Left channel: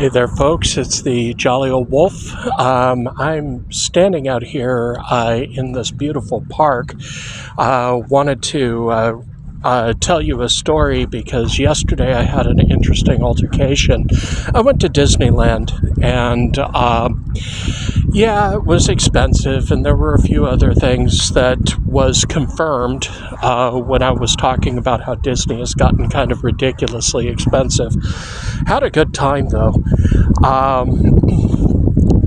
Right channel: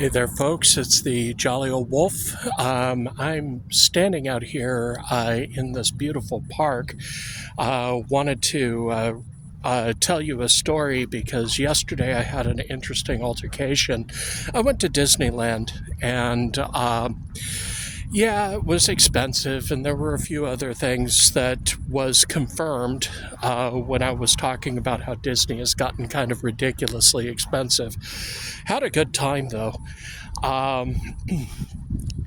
Hey there, folks. It's the Jolly Old Wolf. I'm standing out here in this beautiful park. Wanted to tell you a story because yesterday I had an interesting altercation. I went to Disneyland and yeah, it was expensive, and there were a few other things that was confirmed when I was talking about how Disney has gotten kind of ridiculously expensive. Had a good time, though.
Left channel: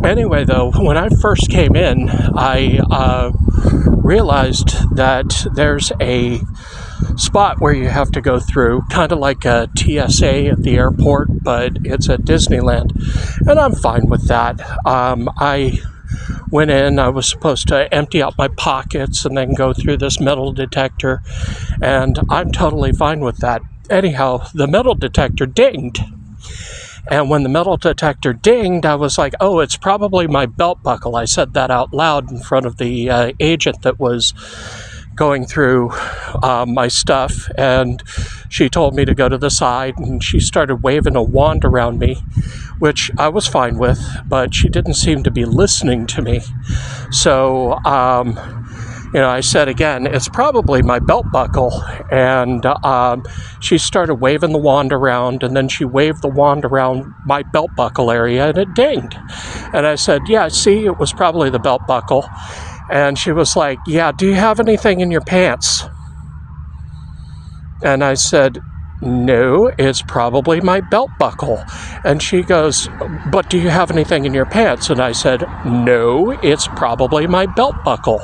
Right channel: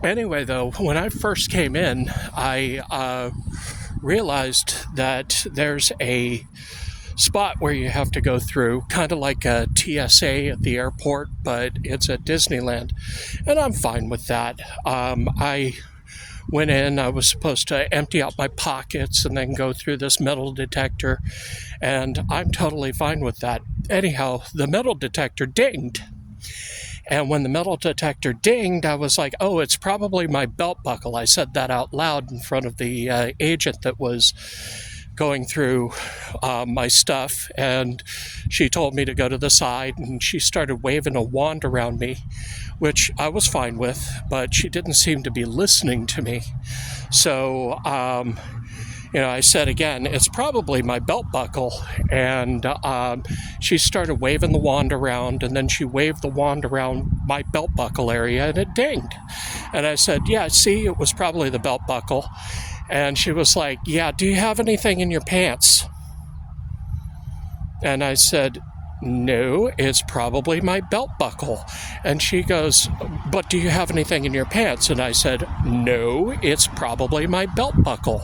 Anyway, though, when I first came in, I realized that there's a spot where you have to go through, kind of like a TSA at the airport, but it's at Disneyland, and I'm fine with that. I went in, I was supposed to empty out my pockets and then go through this metal detector, and I'm totally fine with that. Anyhow, the metal detector dinged. And when the metal detector dinged, I was like, oh, it's probably my belt buckle. I said that out loud in front of the agent that was going through my stuff, and she told me to go to the side, and she started waving a wand around me, which I was fine with, but she didn't seem to be listening to me. So, I said again, it's probably my belt buckle, and she started waving the wand around, and then she waved the wand around my belt buckle area, and it dinged. And I said, yeah, see, it was probably the belt buckle. And she was like, yeah, do you have anything in your pants? And I said, no, it's probably my belt buckle. And she goes, but do you have anything in your pants? And I said, no, it's probably my belt buckle.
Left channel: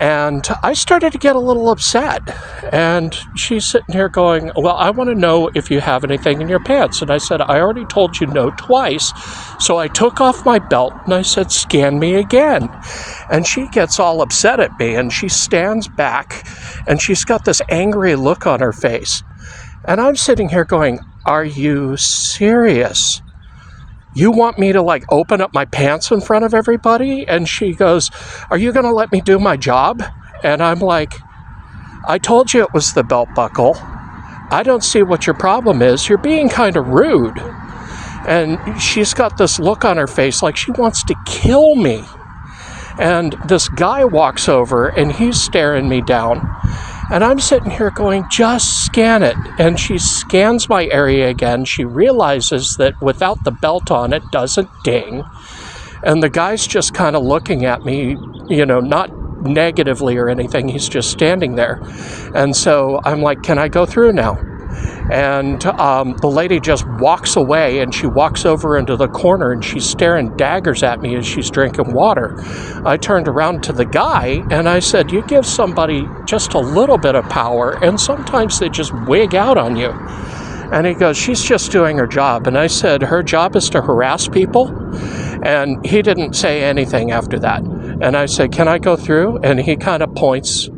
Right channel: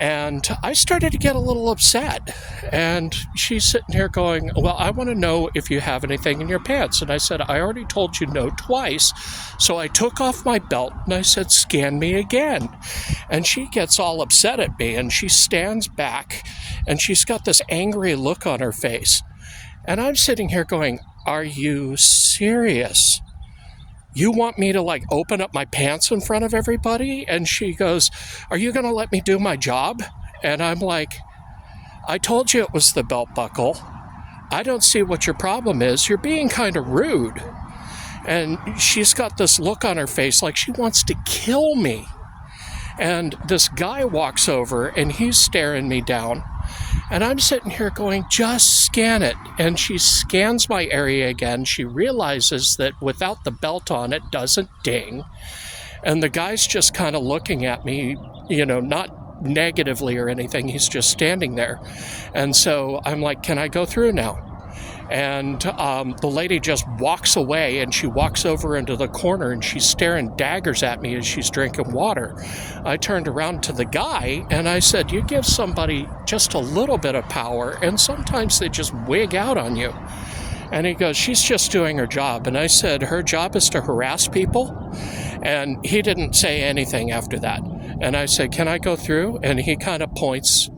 And I started to get a little upset. And she's sitting here going, well, I want to know if you have anything in your pants. And I said, I already told you no twice. So I took off my belt and I said, scan me again. And she gets all upset at me, and she stands back, and she's got this angry look on her face. And I'm sitting here going, are you serious? You want me to open up my pants in front of everybody? And she goes, are you going to let me do my job? And I'm like, I told you it was the belt buckle. I don't see what your problem is. You're being kind of rude. And she's got this look on her face like she wants to kill me. And this guy walks over, and he's staring me down. And I'm sitting here going, just scan it. And she scans my area again. She realizes that without the belt on, it doesn't ding. And the guy's just kind of looking at me, not negatively or anything. He's just standing there. And so I'm like, can I go through now? And the lady just walks away, and she walks over into the corner, and she's staring daggers at me as she's drinking water. I turned around to the guy, and I said, you give somebody just a little bit of power, and sometimes they just wig out on you. And he goes, she's just doing her job. And I said, her job is to harass people? And he didn't say anything after that. And I said, can I go through? And he kind of points,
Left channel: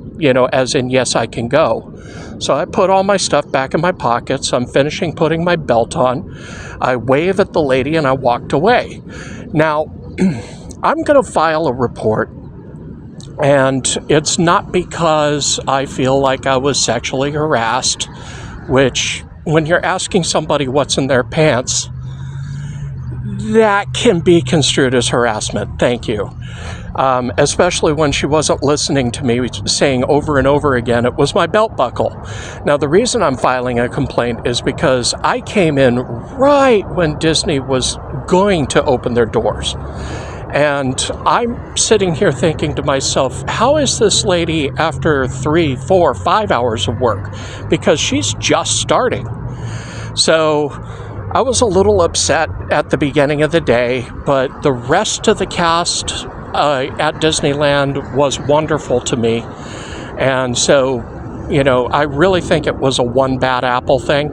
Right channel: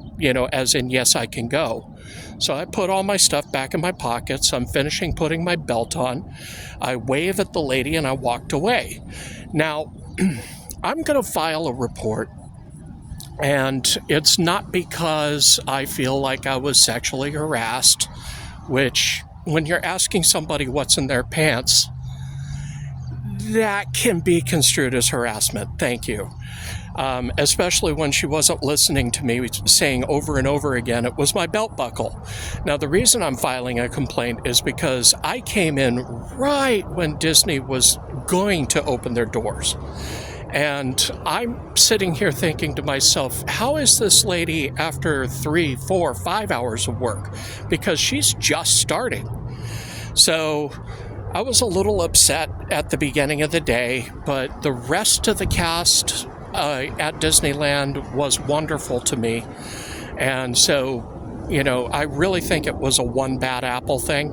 as in, yes, I can go. So I put all my stuff back in my pockets. I'm finishing putting my belt on. I wave at the lady, and I walked away. Now, I'm going to file a report, and it's not because I feel like I was sexually harassed, which, when you're asking somebody what's in their pants, that can be construed as harassment. Thank you. Especially when she wasn't listening to me, saying over and over again, it was my belt buckle. Now, the reason I'm filing a complaint is because I came in right when Disney was going to open their doors. And I'm sitting here thinking to myself, how is this lady after 3, 4, 5 hours of work? Because she's just starting. So I was a little upset at the beginning of the day, but the rest of the cast at Disneyland was wonderful to me. And so, I really think it was a one bad apple thing.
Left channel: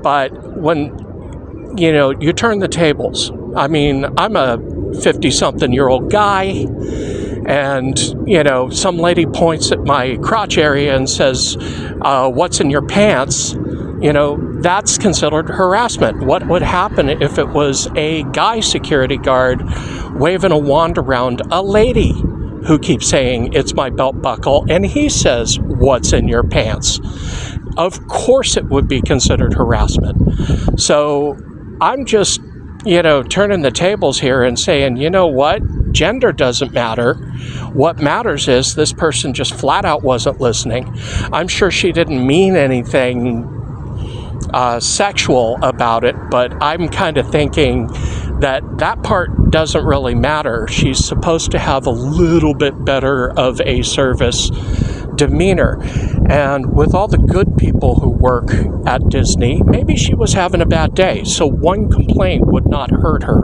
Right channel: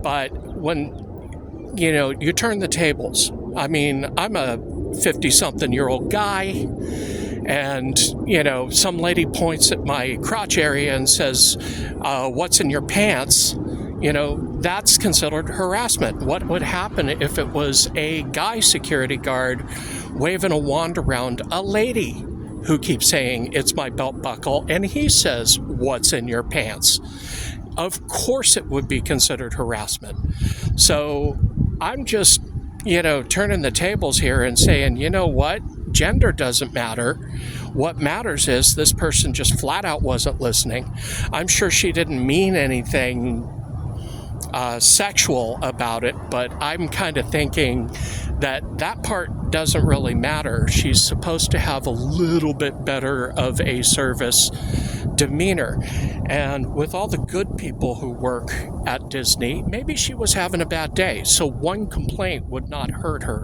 But when, you turn the tables, I'm a 50-something-year-old guy, and, some lady points at my crotch area and says, what's in your pants? That's considered harassment. What would happen if it was a guy security guard waving a wand around a lady who keeps saying, it's my belt buckle, and he says, what's in your pants? Of course it would be considered harassment. So I'm just turning the tables here and saying, you know what, gender doesn't matter. What matters is this person just flat out wasn't listening. I'm sure she didn't mean anything sexual about it, but I'm kind of thinking that part doesn't really matter. She's supposed to have a little bit better of a service demeanor. And with all the good people who work at Disney, maybe she was having a bad day, so one complaint would not hurt her.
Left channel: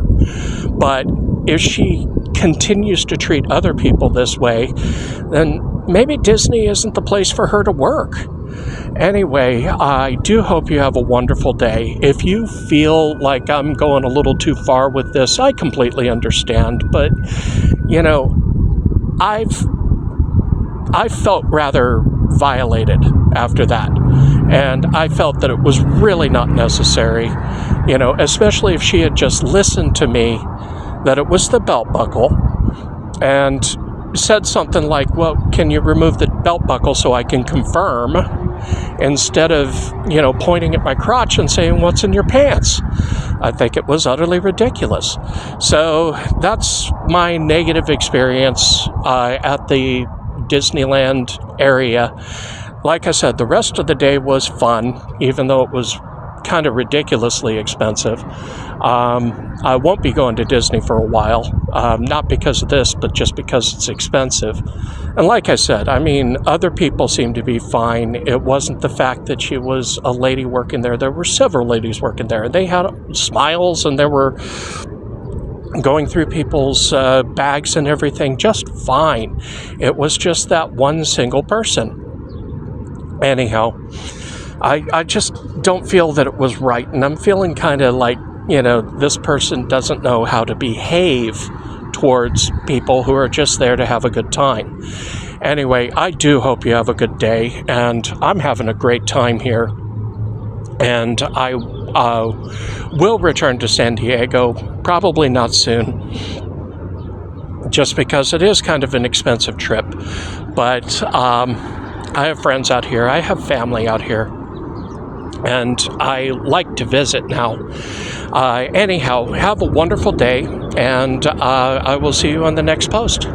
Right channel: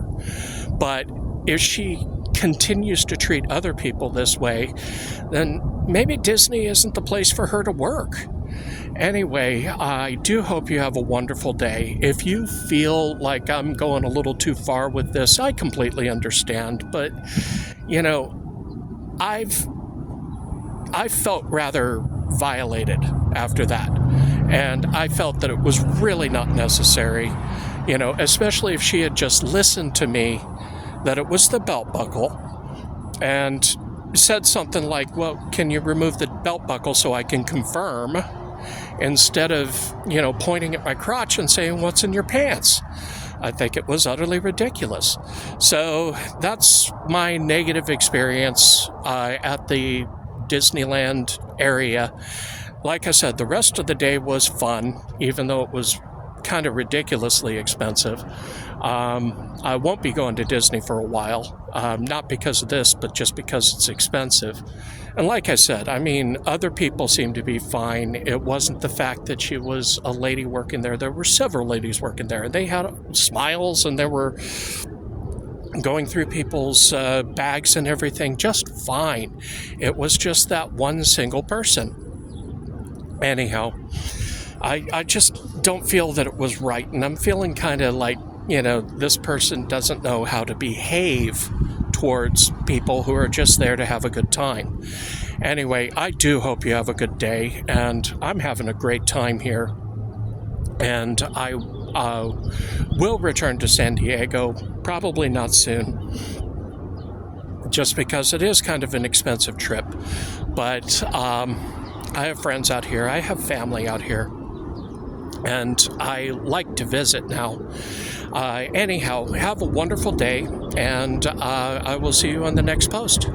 But if she continues to treat other people this way, then maybe Disney isn't the place for her to work. Anyway, I do hope you have a wonderful day. If you feel like I'm going a little too far with this, I completely understand. But, I felt rather violated after that. And I felt that it was really not necessary, especially if she had just listened to me, that it was the belt buckle, and said something like, well, can you remove the belt buckle so I can confirm? Instead of, pointing at my crotch and saying, what's in your pants? I think it was utterly ridiculous. So that's my negative experience at the Disneyland area. Like I said, the rest of the day was fun, even though it was kind of ridiculously expensive. I won't be going to Disney for a while, not because of this, but just because it's expensive. And like I said, other people seemed to be fine. It wasn't the fact that she was a lady working there. There were several ladies working there, and they had smiles, and they were going through people's bags and everything just fine. It was just that one single person. Anyhow, I just don't feel that it was right, and I'm feeling kind of like, this person doesn't know how to behave towards people who are just there to have a good time. Anyway, I do hope you have a good day, and I'm having a great time here. And I will return to San Diego, probably not soon, just because it is kind of an expensive trip. But I have friends out here, I have family out here, and I like to visit now. Anyhow, have a wonderful day, and I will see you on the next post.